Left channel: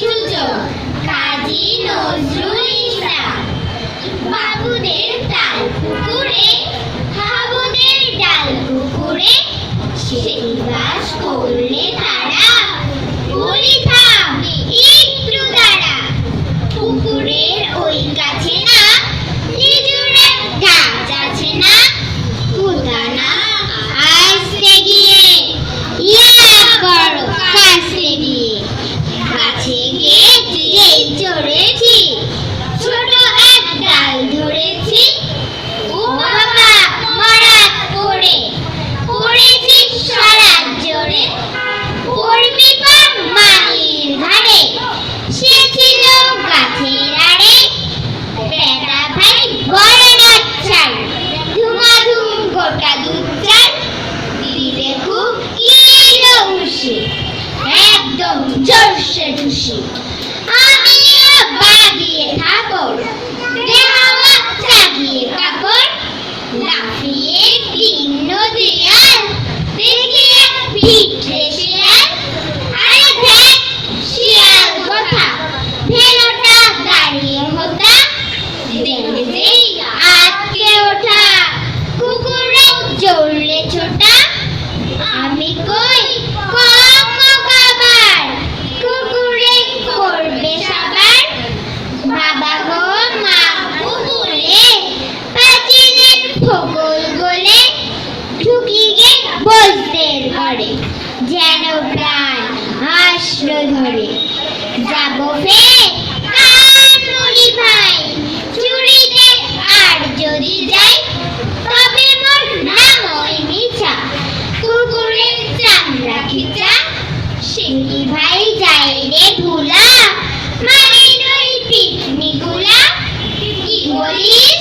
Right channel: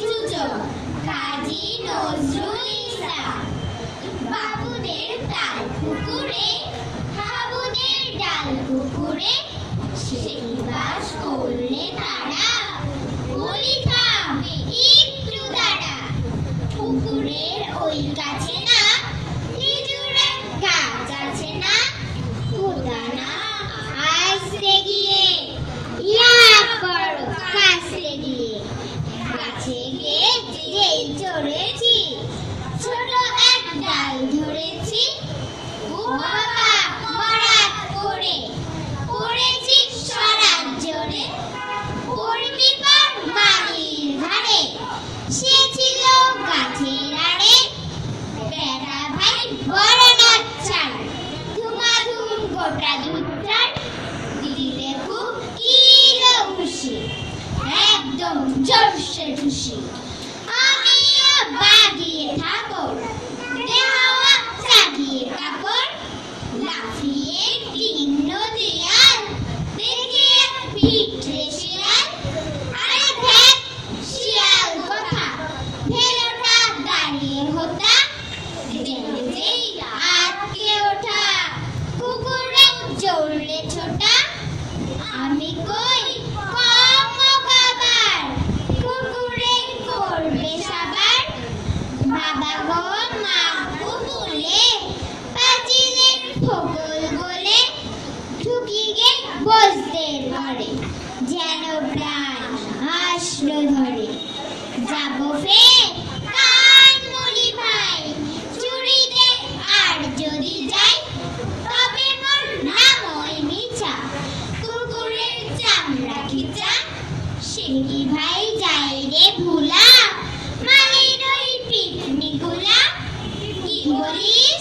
সুজন কাজী নজরুল ইসলাম। বাবুদের তাল পুকুরে হাবুদের ডাল পুকুরে সেই বাস করলে তারা বলি থাম একটু দাঁড়া। পুকুরের ওই কাছে না খেজুরের গাছ আছে না, পুতানা আসতে গিয়ে ইয়া করো কাছে গিয়ে। গাছে গিয়ে যেই চড়েছি ছোট এক ডাল ধরেছি, ও বাবা মরাত করে পড়েছি সারাত জোরে। পড়বি পা মাটির ঘাড়ে সে ছিল গাছের আড়ে। বেটা ভাই বড় নাচ্ছার ধুমাধুম গোটা দুধ চাল দিলে খুব কিলো উসি একদম জোরসে ঢুসি। আমিও বাগিয়ে থাকর দেহাওয়া চাগিয়ে কাকর লাফিয়ে ভিন্ন দেয়াল দেখিয়ে পিঠে শিয়াল। আরে দেখ শিয়াল কথা ভেলোটা দাঁড়িয়ে হতা দেখে যেই আটকে ওঠা কুকুরও জড়লে ছোটা। আমি কই কম খাবার কুকুরে করবে সাবার। বাবা গো মা বলে পাঁচিলের ফকল গলে ঢুকি গে বসদের ঘরে যেন প্রাণ হাসলো ধরে। যাবো ফের কান মুড়ি ভাই চুরিতে আর যদি যাই তবে মোর নাম ওই মিছা কুকুরের চামড়া খিচা। সিংহি ভাই যাই রে ভুলা মানে নই পিকনিকুলা। কি বলিস